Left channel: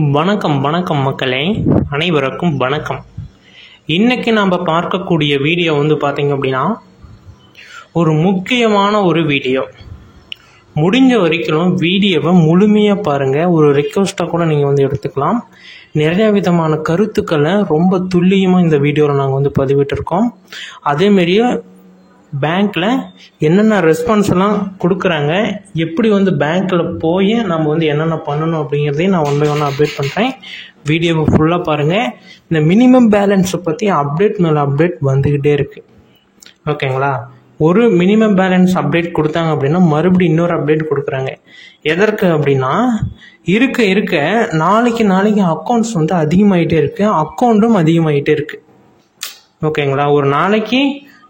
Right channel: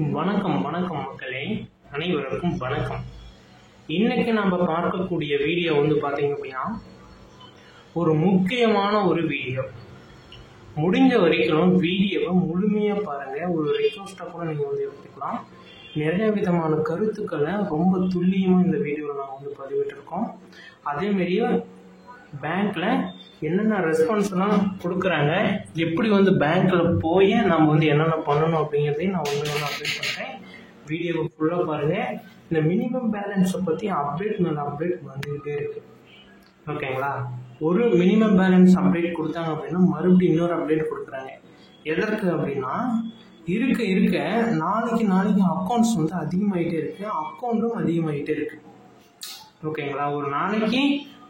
வணக்கம் வணக்கம் மக்களே, அனைவருக்கும் வணக்கம். இன்றைக்கி நாம் பார்க்கக்கூடிய வீடியோ பார்த்திங்க அப்படின்னா ஒரு முக்கியமான ஒரு வீடியோ. முடிஞ்ச வரைக்கும் வீடியோவை முழுமையாக பாருங்கள். ஒரு ரெக்வஸ்ட்டாக கூட நீங்கள் எடுத்துக்கலாம். நிறைய விதமான கருத்துக்களை ரொம்ப துல்லியமாக இந்த வீடியோவில் நாங்கள் பதிவிட்டிருக்கோம். அதேமாரியே பேங்க்கில் என்னென்ன ரெஸ்பான்ஸ்லாம் கொடுக்குறாங்க, எப்படி பேங்க்கில் போய் நம்ம என்னென்ன பண்ணணும் அப்படிங்கிறதையும் நான் ஒன் பை ஒன்று அப்டேட் பண்ணுறேன். வீடியோவை ஃபுல்லாக பாருங்கள். இந்த மினிமம் பேலன்ஸை பற்றி அப்டேட் மேலே அப்டேட் வந்துக்கிட்டே இருக்குது. ஓகேங்களா? ஒரு மினிமம் பேலன்ஸ் அப்டேட் கொடுத்தாங்க அப்படின்னா மறுபடியும் இன்னொரு அப்டேட் கொடுக்குறாங்க. எதற்கு அப்படின்னா இருக்க நாளைக்கு அக்கௌண்ட்ஸ் அதிகமாகிட்டே இருக்குது, அக்கௌண்ட்டும் அதிகமாகிட்டே இருக்குது. ஓகேங்களா? ஒரு நாளைக்கு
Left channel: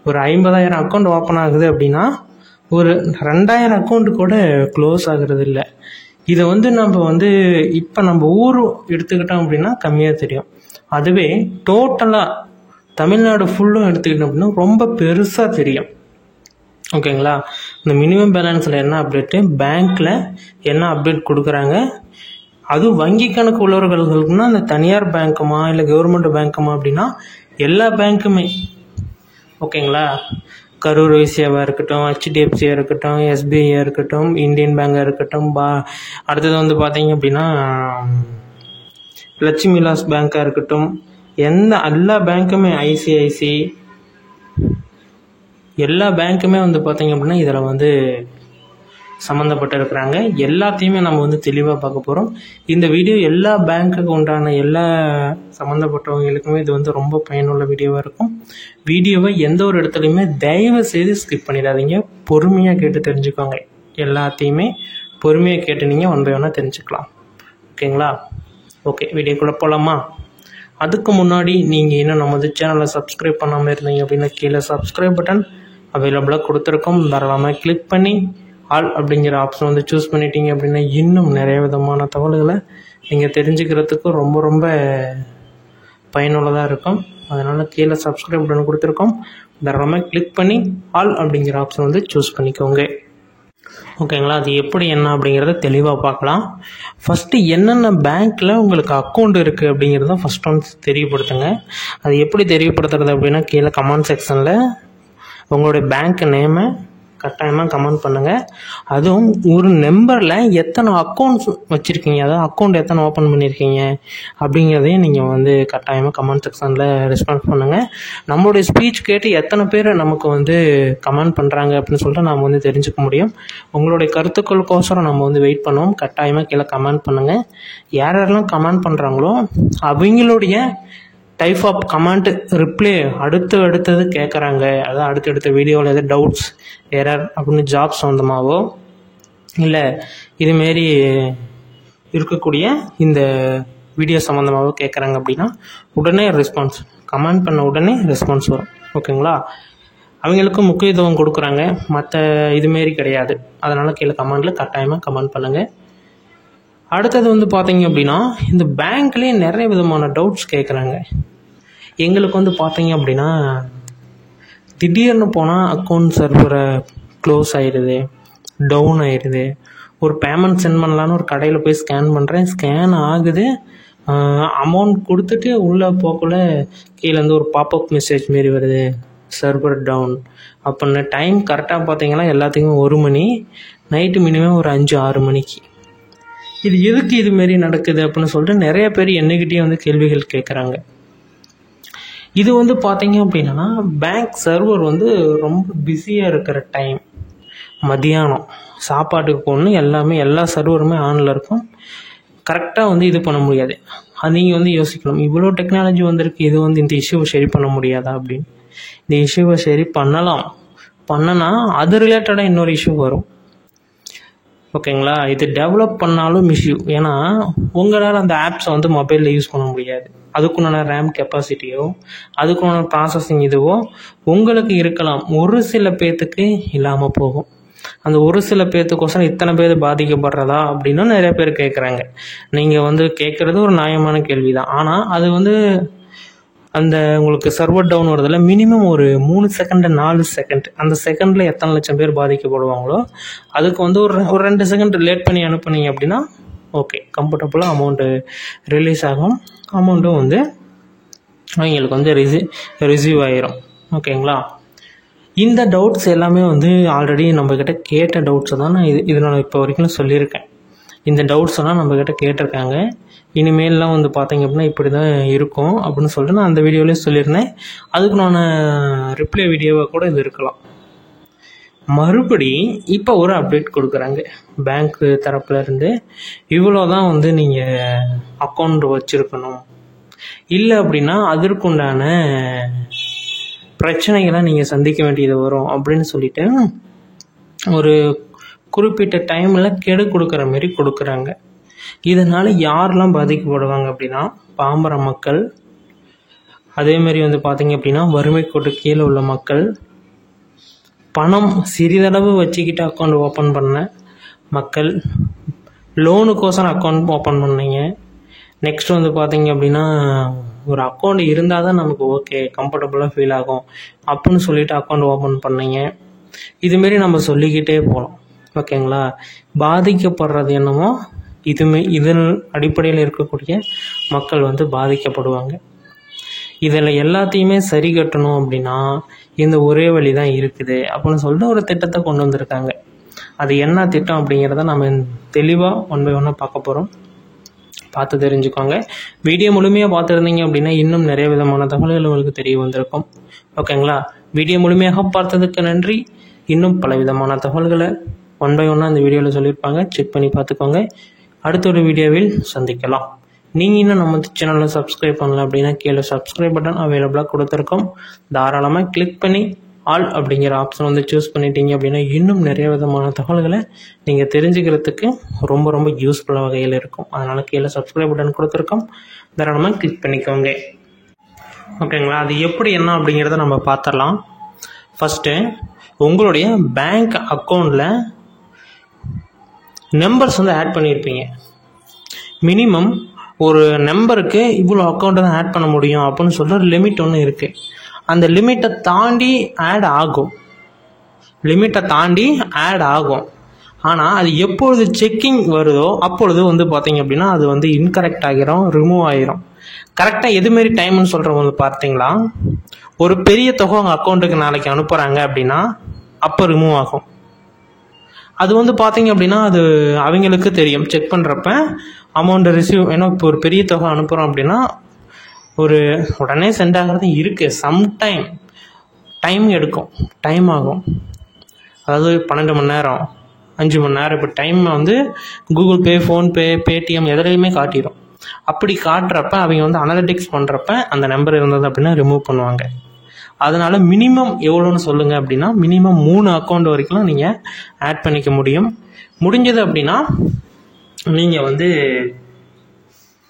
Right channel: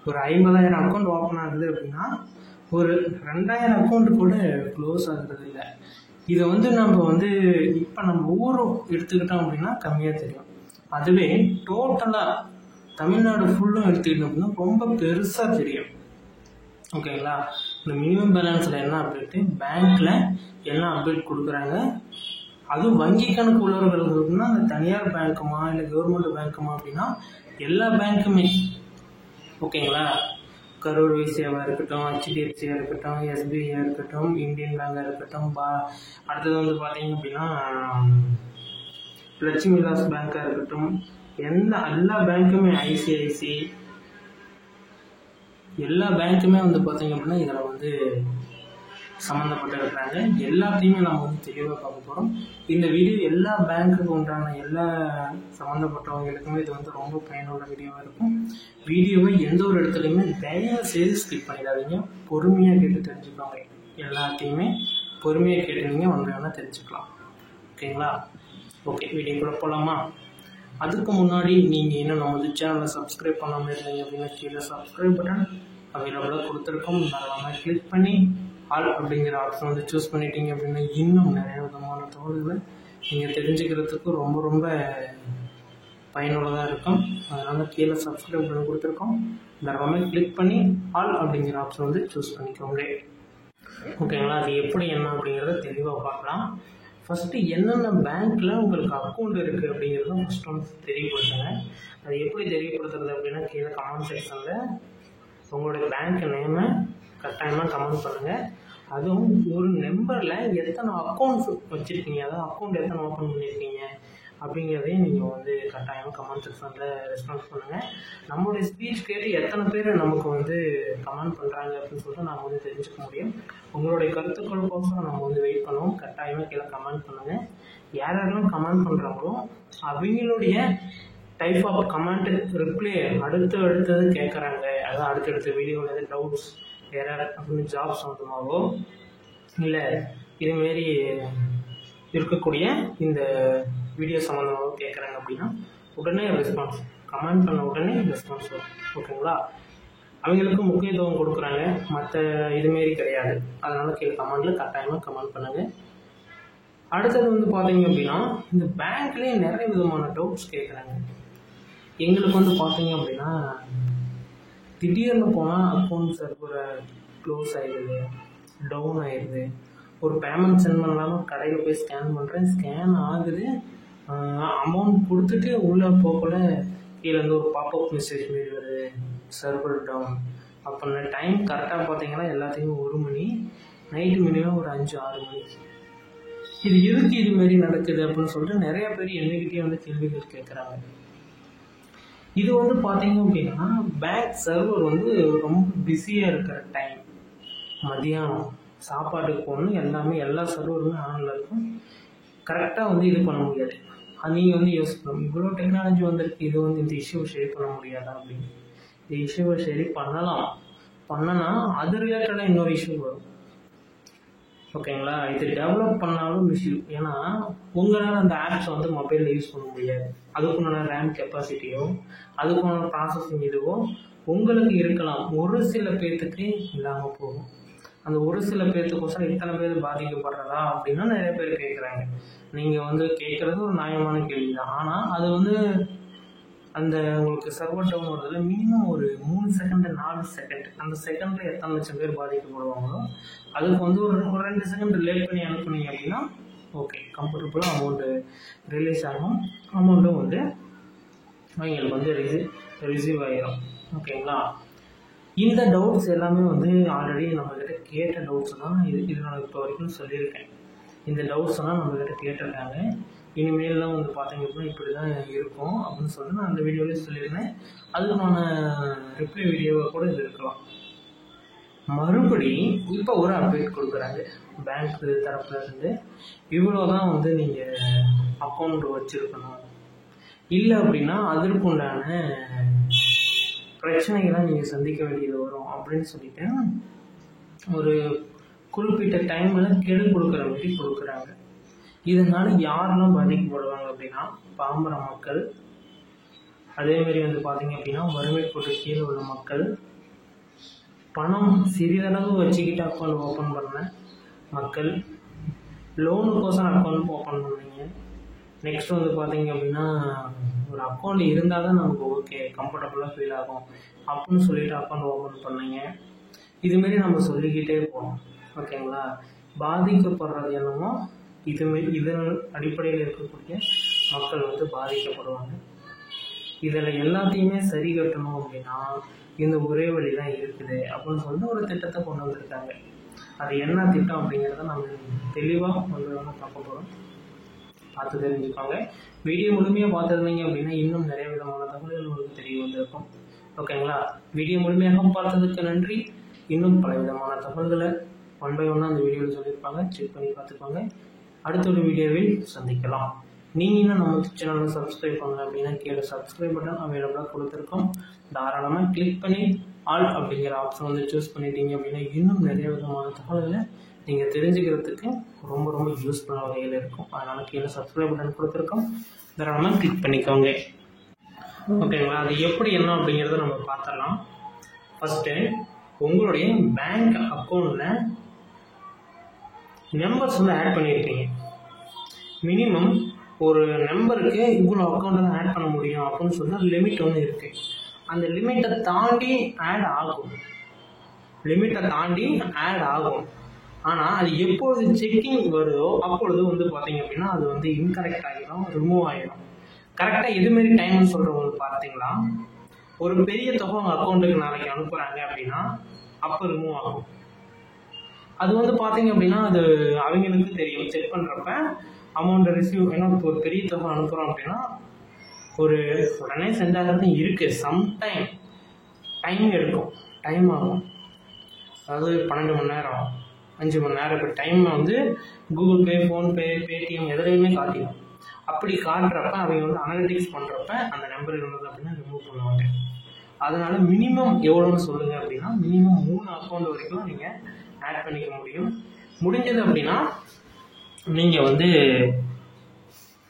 ஒரு 50,000 அக்கௌண்ட் ஓப்பன் ஆகுது அப்படின்னா ஒரு 2,000 அக்கௌண்ட்டு கூட க்ளோஸ் ஆகிறது இல்லை. இதை நம்ம இப்போ நம்ம ஊர் எடுத்துக்கிட்டோம் அப்படின்னா கம்மியாக தெரியும். அதுவே டோட்டலாக தமிழ்நாடு ஃபுல்லும் எடுத்துக்கிட்டோம் அப்படின்னா ரொம்ப பெருசாக தெரியும். ஓகேங்களா? இந்த மினிமம் பேலன்ஸில் என்ன அப்டேட்டு, பேங்க்கில் என்ன அப்டேட் கொடுக்குறாங்க, அதுவும் வங்கி கணக்கு உள்ளவர்களுக்குன்னா இந்த தனியார் பேங்க்குமா இல்லை கவர்மெண்ட் பேங்க்குமா அப்படின்னா எல்லா பேங்க்குமே. ஓகேங்களா? கரூர் வைசியாவாக இருக்கட்டும், ஹெச்டிஎஃப்சியாக இருக்கட்டும், எஸ்பிஐயாக இருக்கட்டும், இந்தியன் பேங்காக இருக்கட்டும், அடுத்தது பார்த்தீங்க அப்படின்னா லட்சுமி விலாஸ் பேங்காக இருக்கட்டும், எல்லா பேங்க்குமே, ஐசிஐசி எல்லா பேங்க்குமே பார்த்தீங்க அப்படின்னா இதில் சம்மந்தப்பட்டு இருக்கிறாங்க. எல்லாத்தையுமே நம்ம தெளிவாக பார்க்க போகிறோம். இந்த வீடியோ எல்லா பேங்க்குக்கு உண்டான எல்லா சம்மந்தப்பட்டவங்களுக்குமே இது ரொம்ப பயனுள்ள வீடியோவாக இருக்கும். வீடியோவை எந்த ஒரு இடத்துலையுமே தயவு செய்து ஸ்கிப் பண்ணிடாதீங்க. பொறுமையாக கேட்டு தெரிஞ்சுக்கோங்க. எல்லாத்தையுமே பொறுமையாக கேட்டு நீங்கள் ஒன் பை ஒன்னாக தெரிஞ்சுக்கலாம். ஓகேங்களா? ஓகே, வீடியோக்குள்ளே போகலாமா? அதுக்கு முன்னாடி நீங்கள் இன்னும் நம்ம சேனலை சப்ஸ்கிரைப் பண்ணாமல் இருந்தீங்க அப்படின்னா கீழே சப்ஸ்கிரைப் பட்டன் அவைலபிளாக கொடுத்துருக்கோம். தாராளமாக கிளிக் பண்ணி ஆல் அப்படிங்கிற ஆப்ஷன் சூஸ் பண்ணிட்டீங்க அப்படின்னா இன்னும் நிறைய விதமான தகவல்களை நீங்கள் தெரிஞ்சுக்கிறதுக்கு ரொம்ப ரொம்ப பயனுள்ளதாக இருக்கும். அதனால் கீழே சப்ஸ்கிரைப் பட்டன் கொடுத்துருக்கோம். தாராளமாக கிளிக் பண்ணி ஆல் அப்படிங்கிற ஆப்ஷன் சூஸ் பண்ணிக்கோங்க. ஓகேங்களா? அது எப்படி என்ன அப்படிங்கிறத தெளிவாக பார்க்கலாம். ஃபஸ்ட்டு என்னென்ன பேங்க்கில் உங்களுக்கு அக்கௌண்ட் இருக்குது அப்படிங்கிறத ஃபஸ்ட் தெரியப்படுத்துங்க. அது எப்படி தெரியப்படுத்துறது அப்படின்னா கீழே கமெண்ட் செக்ஷனில் உங்களுடைய பேங்க் நேமை கட்டாயமாக கமெண்ட் பண்ணுங்கள். அதுவும் ஒரு நம்பரில் எத்தனை அக்கௌண்ட்ஸ் வச்சுருக்கீங்க, அதாவது அக்கௌண்ட் எத்தனை ஓப்பன் பண்ணியிருக்கீங்க அப்படிங்கிறதையும் நீங்கள் கட்டாயமாக கமெண்ட் செக்ஷனில் ரெஸ்பான்ஸ் பண்ணுங்கள். நம்மளுடைய ஸ்பீச் கேட்டு எத்தனை பேர் நமக்கு கமெண்ட் பண்ணுறாங்க அப்படின்னு சொல்லிட்டு நாம் தெரிஞ்சுக்க முடியும். உங்களுடைய கருத்துக்களுக்கோசரம் நம்ம வெயிட் பண்ணுவோம். கட்டாயமாக கீழே கமெண்ட் பண்ணுங்கள். யாரெல்லாம் கமெண்ட் பண்ணுறாங்களோ அவங்களுடைய டைப் ஆஃப் கமெண்ட் ரிப்ளை அடுத்தது கேட்குறாங்க. அதாவது அடுத்தடுத்த வீடியோவில் எதாவது டவுட்ஸ் எரர் அப்படின்னு ஜாப் சம்மந்தமாகவோ இல்லை இதுமாரி இருக்கக்கூடிய இந்த வீடியோ சம்மந்தமாகவோ கேட்குறாங்க அப்படின்னா உடனே ரெஸ்பான்ஸ், கமெண்ட் பண்ண உடனே ரெஸ்பான்ஸ் வரும். ஓகேங்களா? அவங்களுக்கும் முக்கியத்துவம் கொடுக்குறாங்க, மற்ற இதுமாரி கிடையாது. அதனால் கீழே கமெண்டில் கட்டாயமாக கமெண்ட் பண்ணுங்கள். அடுத்தது பார்த்தீங்க அப்படின்னா இந்த பேங்க்லேயே நிறைய விதமான டவுட்ஸ் கேட்குறாங்க. எங்களுக்கு பார்த்தீங்க அப்படின்னா திடீர்னு போனால் அக்கௌண்ட் சர்வரை க்ளோஸ் ஆகிடுது, டவுன் ஆகிடுது. ஒரு பேமெண்ட் சென்ட் பண்ணலான்னு ஒரு கடையில் போய் ஸ்கேன் பண்ணுறேன், ஸ்கேன் ஆகுது, அமௌண்ட் கொடுத்துட்டு உள்ளே போகக்குள்ள கீழேருந்து ஒரு பாப்அப் மெசேஜ் மாரி வருது, சர்வர் டவுன் அப்படின்னு. டைம் கரெக்டாக பார்த்தீங்கன்னா எல்லாத்துக்கும் 1 மணி, நைட்டு மினிமம் ஒரு 5-6 மணிக்கு. இது எதுக்கு இதுமாரி நடக்குது அப்படின்னு சொல்லிட்டு நிறைய பேர் என்னைக்கிட்டே கேள்விகள் கேட்குறாங்க. இது பார்த்தீங்க அப்படின்னா பேங்க் சர்வர் ரொம்ப பிஸியாக இருக்கிற டைம், மதியானம் சாப்பாட்டுக்கு போகணும், எல்லா சர்வருமே ஆனில் இருக்கும். கரெக்டாக இது பண்ண முடியாது. அது நீங்கள் யோசிக்கணும், இவ்வளோ டெக்னாலஜி வந்திருக்கு, இது இந்த இஷ்யூவை சரி பண்ண முடியாதா அப்படின்னு. இந்த இஷ்யூவை சரி பண்ணனா அது ரிலேட்டடாக இன்னொரு இஷ்யூ வரும். ஓகேங்களா? இது டெவலப் பண்ணாலும் இஷ்யூ. ஏன்னா உங்களால் அந்த ஆப்ஸை மொபைலில் யூஸ் பண்ண முடியாது. அதுக்குண்டான ரேம் கெப்பாசிட்டியோ அதுக்குண்டான ப்ராசஸிங் இதுவோ உங்களுக்கு இருக்கலாம், ஒரு சில பேர்த்துக்கு இல்லாமல் போகும். அந்த ஒரு சில பேர்த்துக்கோசரம் இத்தனை பேர் பாதிக்கப்படுறதா அப்படின்னு நிறைய பேர் கேட்குறாங்க. நீங்கள் கேட்குறது ஒரு நியாயமான கேள்வி தான். ஆனால் அது அந்த உங்களுக்கு சர்வர் டவுன் வருதில்ல, மினிமம் ஒரு 3 செகண்ட் 4 செகண்ட், அந்த செகண்டில் எத்தனை லட்சம் பேர் பாதிக்கப்படுவாங்களோ அதுக்கு ஒரு 2 செகண்ட் லேட் பண்ணி அனுப்புனீங்க அப்படின்னா ஓகே கம்ஃபர்டபுளாக அமௌண்ட்டு ரிலீஸ் ஆகும், அமௌண்ட்டும் வந்து அவங்களுக்கு வந்து ரிசீவ் ஆகிரும். ஓகேங்களா? இந்த டவுட்ஸ் எல்லாமே வந்து ஆல்ரெடி நம்மக்கிட்ட கேட்ட டவுட்ஸை தான் நான் இது நான் இப்போ வரைக்கும் சொல்லியிருக்கேன். இந்த டவுட்ஸ் எல்லாம் நம்மக்கிட்ட கேட்டிருக்காங்க. இனிமேல்லாம் வந்து பார்த்தீங்க அப்படின்னா இப்படி தான் இருக்கும் அப்படின்னு சொல்லிட்டு நான் அந்த வீடியோலேயே சொல்லியிருந்தேன். அதுக்கு நான் ரிப்ளை வீடியோவாக கூட இது இருக்கலாம். மறுபடி இப்போ ஒரு அப்டேட் கொடுக்குறாங்க பேங்க் தரப்புலேருந்து. இவ்வளோ தான் வந்து நீங்கள் அக்கௌண்ட் வச்சுருக்கணும், இல்லை அப்படின்னா அதற்குண்டான பிரச்சனைகளை நீங்கள் சந்திக்க வேண்டியது வரும் அப்படின்னு சொல்லிட்டு ஒரு குறிப்பிட்ட டைமில் கெடு கொடுக்குற மாரி கொடுக்குறாங்க. இதனால் யாரெல்லாம் பாதிக்கப்படுவாங்க அப்படின்னா பாமர மக்கள், அதேமாரி வந்து பார்த்திங்க அப்படின்னா வறுமை கோட்டு கீழே உள்ள மக்கள், பணம் சிறிதளவு வச்சுக்கிட்டு அக்கௌண்ட் ஓப்பன் பண்ண மக்கள், லோனுக்கோசரம் அக்கௌண்ட் ஓப்பன் பண்ணீங்க, நெக்ஸ்ட் வந்து பார்த்திங்க அப்படின்னா ஒரு அக்கௌண்ட் இருந்தால் தான் நமக்கு ஓகே கம்ஃபர்டபுளாக ஃபீல் ஆகும் அப்படின்னு சொல்லிவிட்டு அக்கௌண்ட் ஓப்பன் பண்ணீங்க. இதுமாரி நம்ம சொல்லிக்கிட்டே போகலாம். ஓகேங்களா? பாதிக்கப்படுறது என்னமோ இதன் அடிப்படையில் இருக்கக்கூடிய மக்கள் வந்து பாதிக்கப்படுவாங்க. இதில் எல்லாத்தையுமே சரி கட்டணும் அப்படின்னா இந்த ஒரே வழி தான் இருக்குது அப்படின்னு சொல்லிட்டு ஒரு திட்டத்தை கொண்டு வந்திருக்காங்க. அது என்ன திட்டம் அப்படிங்கிறத நம்ம தெளிவாக ஒன் பை ஒன்னாக பார்க்க போகிறோம். பார்த்து தெரிஞ்சுக்கோங்க. வீடியோ முழுமையாக பார்த்துருந்தீங்க அப்படின்னா இன்னும் நிறைய விதமான தகவல்கள் உங்களுக்கு தெரிய வந்திருக்கும். ஓகேங்களா? வீடியோ முழுமையாக பார்த்ததுக்கு நன்றி. இன்னும் பல விதமான தகவல்களை ஒன் பை ஒன்னாக இந்த வீடியோவில் சொல்லியிருப்பாங்க, செக் பண்ணி பார்த்துக்கோங்க. அடுத்த ஒரு வீடியோவில் சந்திக்கலாம். நீங்கள் இன்னும் நம்ம சேனலில் சப்ஸ்கிரைப் பண்ணல அப்படின்னா கீழே சப்ஸ்கிரைப் பட்டன் அவைலபிளாக கொடுத்துருக்கோம். தாராளமாக கிளிக் பண்ணி ஆல் அப்படிங்கிற ஆப்ஷன் வந்து சூஸ் பண்ணிட்டீங்க அப்படின்னா இன்னும் நிறைய விதமான தகவல்களை நீங்கள் தெரிஞ்சுக்கிறதுக்கு ரொம்ப ரொம்ப யூஸ்ஃபுல்லாக வகையில் இருக்கும். அதனால் கீழே சப்ஸ்கிரைப் பட்டன் கொடுத்துருக்கோம், தாராளமாக கிளிக் பண்ணிக்கோங்க. ஓகேங்களா? அது எப்படி என்ன அப்படிங்கிறத நம்ம பார்த்துடலாம். ஃபஸ்ட்டு உங்களுடைய பேங்க் அக்கௌண்ட்டில் நம்பர்ஸ் வந்து ஆட் பண்ணியிருப்பீங்க. மினிமம் ஒரு நம்பருக்கு இவ்வளோ அக்கௌண்ட்டை தான் ஆட் பண்ண முடியும் அப்படின்னு சொல்கிற லிமிட் ஒன்று இருக்குது. அந்த லிமிட்டை தாண்டி ஆட் ஆகும். ஆனால் அது எப்பொழுது செக்கிங் வருதோ அப்பொழுது வந்து பார்த்தீங்க அப்படின்னா அது வந்து இன்கரெக்ட் ஆகிரும், ரிமூவ் ஆகிரும். கரெக்டாக எதுமாரி டைம்னு சொல்கிறவங்க வந்து பார்த்தீங்களா, ஒரு பெரிய தொகை அவங்க அக்கௌண்ட்டுக்கு நாளைக்கு அனுப்புகிறாங்க அப்படின்னா அப்போ ரிமூவ் ஆகும். அது வந்து பார்த்தீங்க அப்படின்னா அது அவங்களுக்கு தெரியும். செக் பண்ணுறப்ப அமௌண்ட்டு ரிசீவ், ஏன்னா இப்போ ஒரு பெரிய தொகை அனுப்புகிறோம் அப்படின்னா ஒரு உடனே சென்ட் ஆகிறது இருக்குது. சம்டைம் டைம் ஆகும். அதாவது 12 மணி நேரம், 5 மணி நேரம். இப்போ டைம் வந்து கூகுள் பே, ஃபோன்பே, பேடிஎம் எதுலையுமே காட்டிடும். அப்படி காட்டுறப்ப அவங்க வந்து அனலிட்டிக்ஸ் பண்ணுறப்ப அந்த நம்பர் இருந்தது அப்படின்னா ரிமூவ் பண்ணுவாங்க. அதனால் மினிமம் எவ்வளோன்னு சொல்லுங்கள் அப்படின்னா மினிமம் 3 அக்கௌண்ட் வரைக்கும் நீங்கள் ஆட் பண்ணிக்க முடியும். முடிஞ்சது அப்படின்னா நீங்கள் வந்து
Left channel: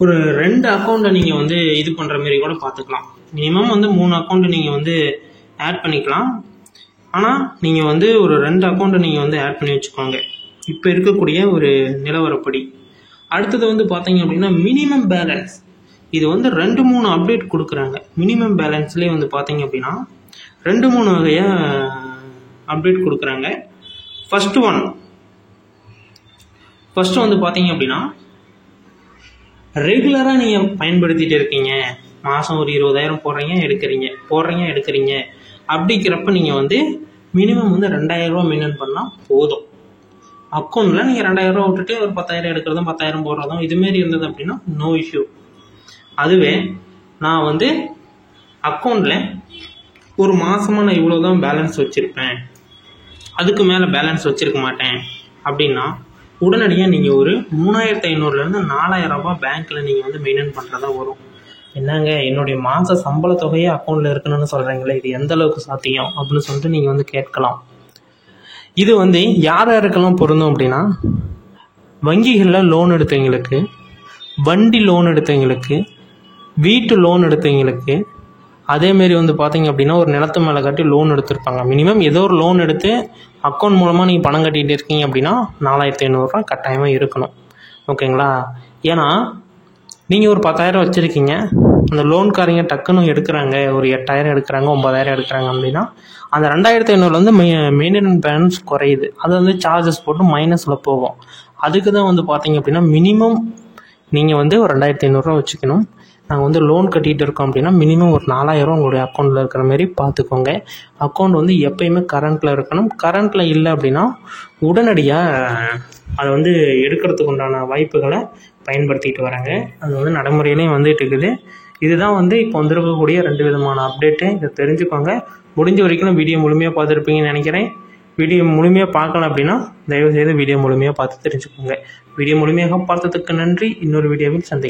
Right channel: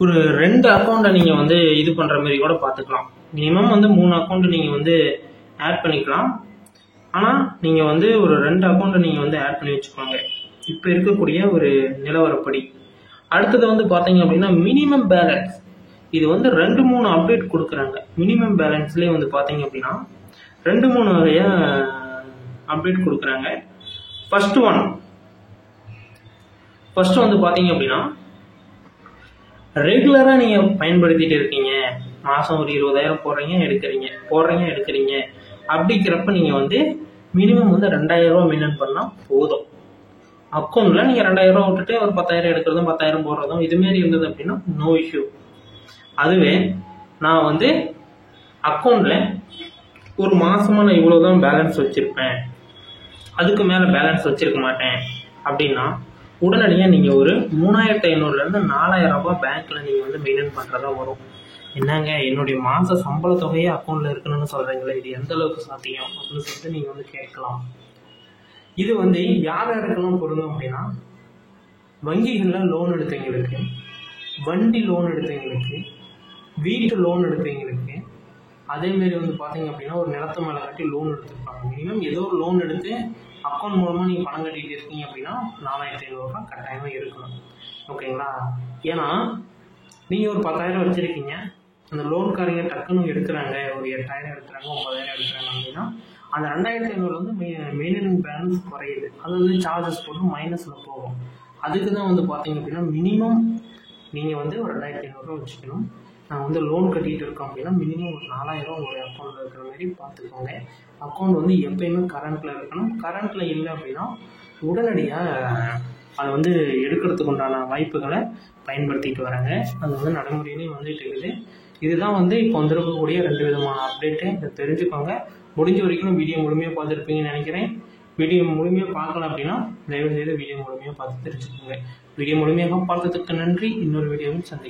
ஒரு 2 அக்கௌண்ட்டை நீங்கள் வந்து இது பண்ணுற மாதிரி கூட பார்த்துக்கலாம். மினிமம் வந்து 3 அக்கௌண்ட்டு நீங்கள் வந்து ஆட் பண்ணிக்கலாம். ஆனால் நீங்கள் வந்து ஒரு 2 அக்கௌண்ட்டை நீங்கள் வந்து ஆட் பண்ணி வச்சுக்கோங்க இப்போ இருக்கக்கூடிய ஒரு நிலவரப்படி. அடுத்தது வந்து பார்த்தீங்க அப்படின்னா மினிமம் பேலன்ஸ். இது வந்து 2-3 அப்டேட் கொடுக்குறாங்க. மினிமம் பேலன்ஸ்லேயே வந்து பார்த்தீங்க அப்படின்னா 2-3 வகையாக அப்டேட் கொடுக்குறாங்க. ஃபஸ்ட்டு வந்து பார்த்தீங்க அப்படின்னா ரெகுலராக நீங்கள் பயன்படுத்திகிட்டு இருக்கீங்க, மாதம் ஒரு 20,000 போடுறீங்க எடுக்கிறீங்க அப்படிங்கிறப்ப நீங்கள் வந்து மினிமம் வந்து 2,000 ரூபா மெயின்டைன் பண்ணால் போதும். அக்கௌண்ட்டில் நீங்கள் 2,000 ரூபா விட்டுட்டு ஒரு 10,000 எடுக்கிறதும் 10,000 போடுறதும் இதுமாரி இருந்தது அப்படின்னா நோ இஷ்யூ. அதுவே நான் வந்து அக்கௌண்ட்டில் ஒரு மாதமாக நான் இவ்வளோ தான் பேலன்ஸ் வச்சுருப்பேன், அதுக்கு மேலே பேலன்ஸ் வச்சுருக்க மாட்டேன் அப்படின்னா உடனடியாக நீங்கள் ஒரு 3,500லேருந்து 4,000 ரூபா பேங்க்கில் நீங்கள் வந்து மெயின்டைன் பண்ணுறதா வரும். என்னங்க என்னுடைய மாத சம்பள தொகையே அக்கௌண்ட்டில் இருக்கணும்னு சொல்கிறீங்களே, இது எந்த அளவுக்கு சாத்தியம் அப்படின்னு சொல்லிட்டு நீங்கள் வந்து கேட்கலாம். இது வந்து யாருக்கெல்லாம் பொருந்தும் அப்படின்னா வங்கிகளில் லோன் எடுத்தவங்களுக்கு, வண்டி லோன் எடுத்தவங்களுக்கு, வீட்டு லோன் எடுத்தவங்களுக்கு, அதேமாரி வந்து பார்த்தீங்க அப்படின்னா ஒரு நிலத்து மேலே கட்டி லோன் எடுத்திருப்பாங்க. மினிமம் ஏதோ ஒரு லோன் எடுத்து அக்கௌண்ட் மூலமாக நீங்கள் பணம் கட்டிகிட்டு இருக்கீங்க அப்படின்னா 4,500 ரூபா கட்டாயமாக இருக்கணும். ஓகேங்களா? ஏன்னா நீங்கள் ஒரு 10,000 வச்சுருக்கீங்க, அந்த லோன்காரங்க டக்குன்னு எடுக்கிறாங்க, ஒரு 8,000 எடுக்கிறாங்க, 9,000 எடுக்கிறாங்க அப்படின்னா அந்த 2,500 வந்து மெயின்டெனன்ஸ் பேலன்ஸ் குறையுது. அது வந்து சார்ஜஸ் போட்டு மைனஸில் போகும். அதுக்கு தான் வந்து பார்த்தீங்க அப்படின்னா மினிமம் நீங்கள் வந்து ஒரு 2500 வச்சுக்கணும். நாங்கள் வந்து லோன் கட்டிகிட்டு இருக்கோம் அப்படின்னா மினிமம் ஒரு 4000 உங்களுடைய அக்கௌண்ட்டில் இருக்கிற மாதிரி பார்த்துக்கோங்க. அக்கௌண்ட் வந்து எப்போயுமே கரண்ட்டில் இருக்கணும். கரண்ட்டில் இல்லை அப்படின்னா உடனடியாக அதை வந்து எடுக்கிறதுக்கு உண்டான வாய்ப்புகளை பயன்படுத்திட்டு வராங்க. அது வந்து நடைமுறையிலையும் வந்துட்டு இருக்குது. இதுதான் வந்து இப்போ வந்திருக்கக்கூடிய 2 விதமான அப்டேட்டு. இதை தெரிஞ்சுக்கோங்க. முடிஞ்ச வரைக்கும் வீடியோ முழுமையாக பார்த்துருப்பீங்கன்னு நினைக்கிறேன். வீடியோ முழுமையாக பார்க்கல அப்படின்னா தயவுசெய்து வீடியோ முழுமையாக பார்த்து தெரிஞ்சுக்கோங்க. வீடியோ முழுமையாக பார்த்ததுக்கு நன்றி. இன்னொரு வீடியோவில் சந்திக்கிறேன்.